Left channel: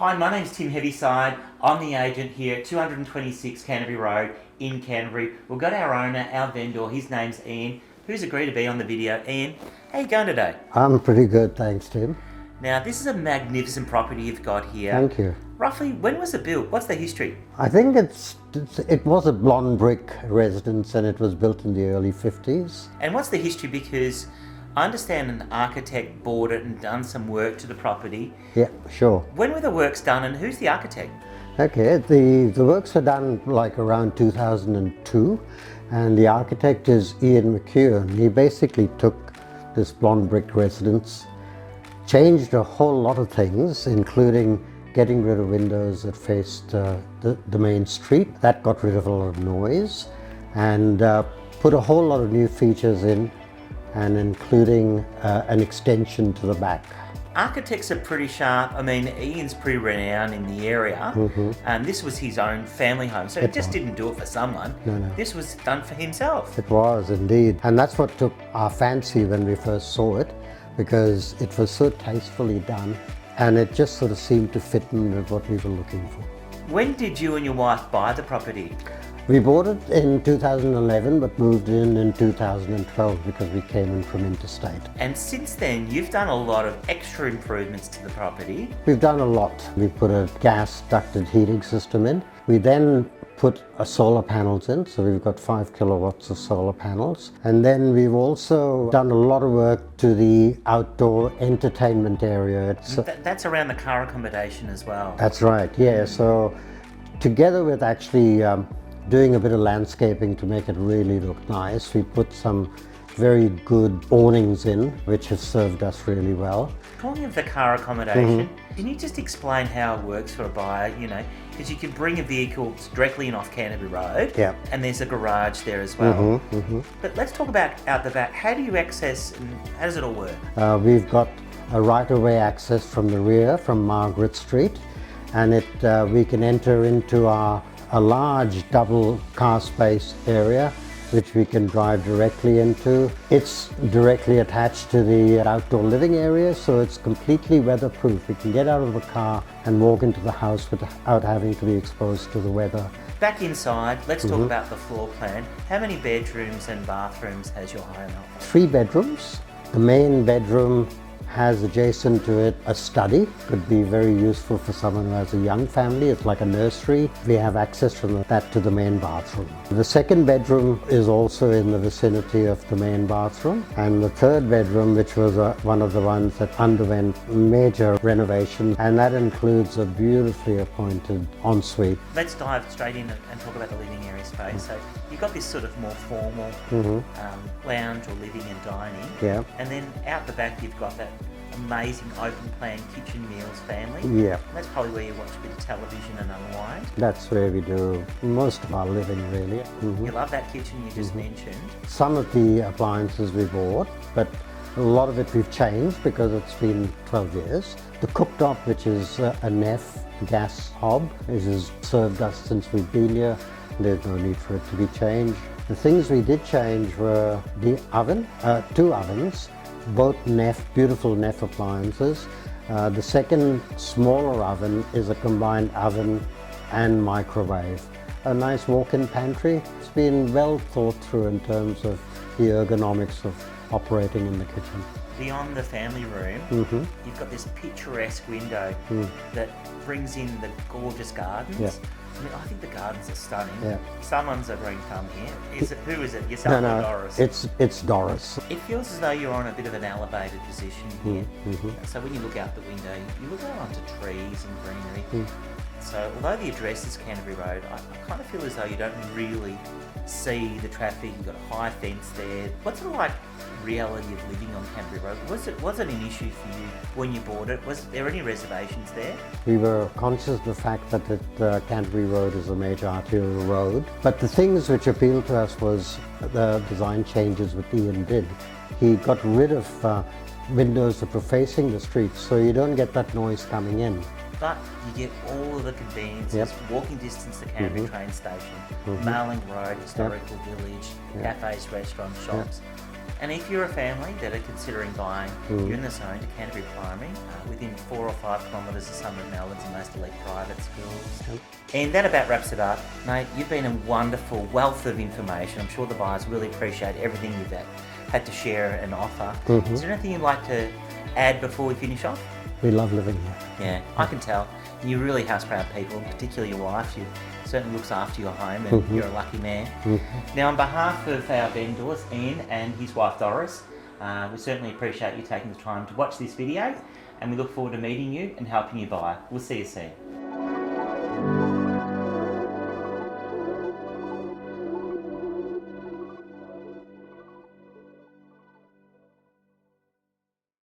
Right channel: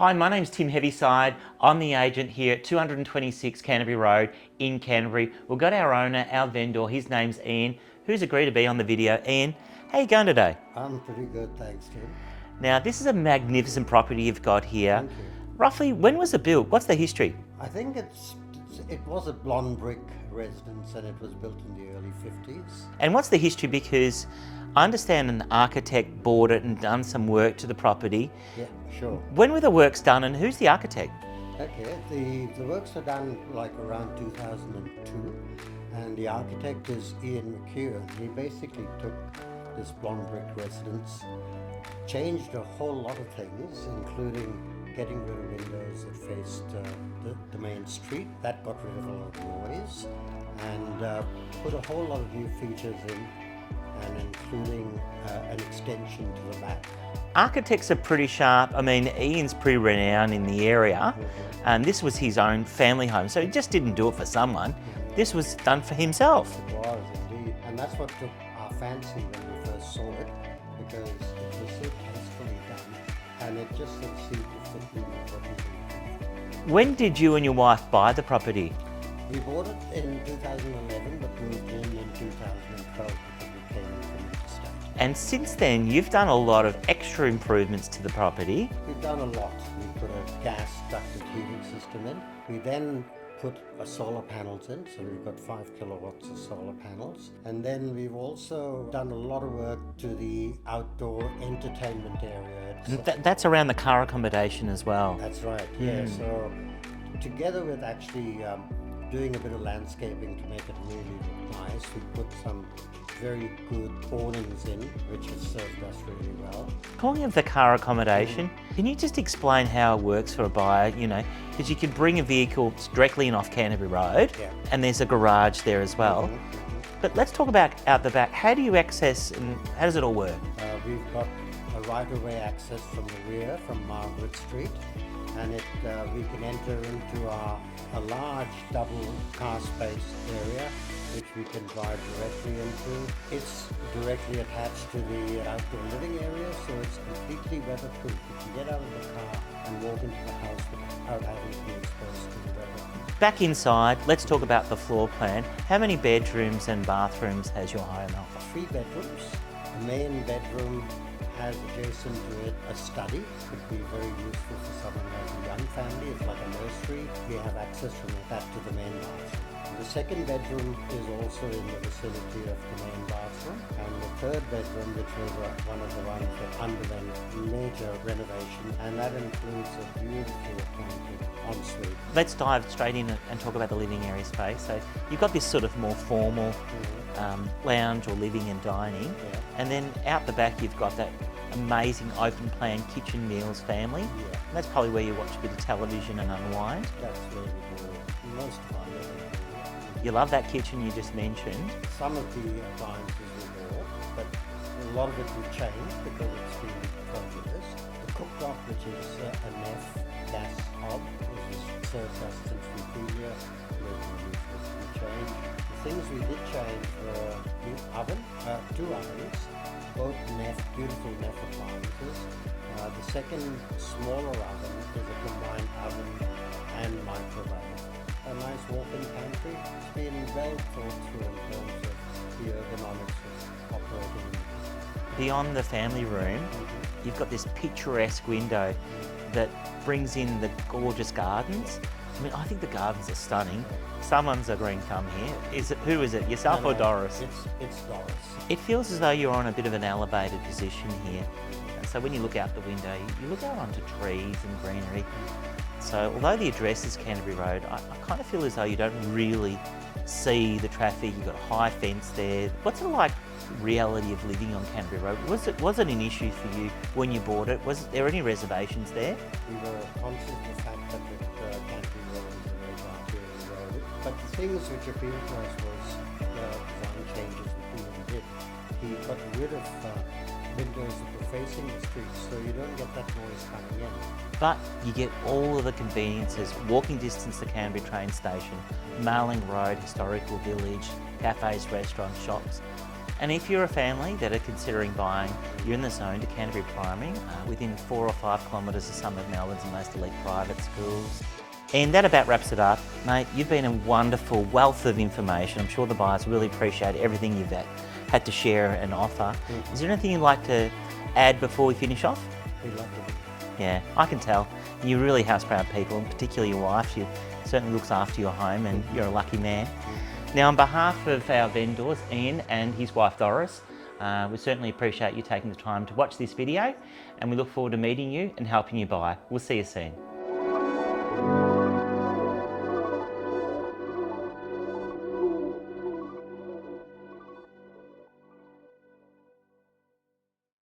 Hi, my name's Tim Heavyside. I'm the agent here at 226 Canterbury Road in Canterbury. We've got our owner, our vendor, his name's Ian, who's agreed to be on the video. Ian, how are you going today? I'm pretty good, thanks, Tim. Now, this is a magnificent property you've got here. Thank you. Roughly, when was it built? What's the history? I think it was a blonde brick residence and it was built in the early 50s. And what's the history? Because I understand an architect bought it and done some work to the property. Yeah, sure. When were the works done and who's the architect? Okay, the works were done like around 2002 and the architect is Ian McHugh. He basically took this blonde brick residence, changed a whole lot of things, including getting rid of windows that faced the main street. That got rid of a lot of noise and put a whole lot of new features in, and including an extension to the back. Architects are pretty sharp. I mean, Ian's pretty renowned in the area, and this was his own family home, so he just didn't do it for someone. No. This was done for himself. It was indeed, and that's what took our fancy when we first saw it, because it was so tastefully done and it just sort of seemed to fit in with what we were looking for. When did you and your wife buy the property? We bought it in 2011 but moved in 2012 because we came in from interstate. And since then, you've done a lot of extra improvements to the property. We've done a lot. We put a gas ducted heating system in. We then put solar panels in, so we've got 5 kilowatts of solar panels. And then we've also done a lot of work to the outdoor entertainment area. That's around the car accommodation as well. That's right, yeah. So together with actually doing a bit of landscaping to make it really look nice, we put some very good awnings in, which have served us really well. Talking of the car accommodation, can you just explain how it works for a buyer? You know, because you can bring a vehicle directly in off Canterbury Road, and there's a garage there as well. But let's talk about out the back. How do you access and how does it all work? We've got a right-of-way access from the rear, from Margaret Street, and we can enter into a large double car space area which we can drive directly into. It's directly attached to the outdoor living area, so it's completely weatherproof. You can get out of the car and walk into the house without having to be exposed to the weather. Back inside, let's talk about the floor plan. How many bedrooms and bathrooms has your home? 3 bedrooms. The main bedroom has adjacent to it a study. Could be very useful for someone who has a young family. It's like a nursery. We have access from that to the main bathroom. The second bedroom is also in the vicinity of the main bathroom. And the third bedroom, which was one of the ones that underwent major renovation, and that includes a beautifully appointed ensuite. Let's dive straight in and talk about the living area space. So you've got this sort of more formal lounge or living and dining. Yeah. And then out the back you've got that amazing open plan kitchen meals family. Yeah. That's probably where you watch a bit of television and unwind. That's where we do most of our living, really. You love that kitchen you just mentioned. Some of the appliances we bought, but a lot of it we've changed because it's been 12 years. The cooktop, which is a Neff gas hob, which has served us since we've been here. There's no need for it to be changed. The things we did change were the oven, 2 ovens, both Neff, beautiful Neff appliances. The second smaller oven is a combined oven and microwave. A nice walk-in pantry. It's been well thought through in terms of the ergonomics of operating in the kitchen. Beyond the family room, you've got this picturesque window that brings in the gorgeous gardens. I mean, I think the gardens are stunning. Someone's agreeing to come here. Who is it? Yourself or Doris? It's Doris. It feels as though you're on a bit of an elevated position here. So when you look out the window, you look out onto trees and greenery. So although the address is Canterbury Road, I kind of feel as though you don't really see the traffic. You've got a high fence there. What's it like, reality of living on Canterbury Road? Was it an issue for you when you bought it? Was there any reservations there? We were conscious of the fact that Canterbury Road is a major arterial road, but the things which appealed to us was the design changes that Ian did. He got rid of windows that were facing the street, so you don't get that noise coming in. But you get all of the conveniences, walking distance to Canterbury train station, Marling Road, historical village, cafes, restaurants, shops. And if you're a family that are considering buying, you're in the zone to Canterbury Primary, within 4 or 5 kilometres of some of Melbourne's most elite private schools. And that about wraps it up. Mate, you've been a wonderful wealth of information. I'm sure the buyers really appreciate everything you've had to share and offer. Is there anything you'd like to add before we finish off? We love living here. Yeah, I can tell. You're really house-proud people, and particularly your wife. She certainly looks after your home, and you're a lucky man. Now, on behalf of our vendors, Ian and his wife Doris, we certainly appreciate you taking the time to watch this video, and we look forward to meeting you and helping you buy. We'll see you soon.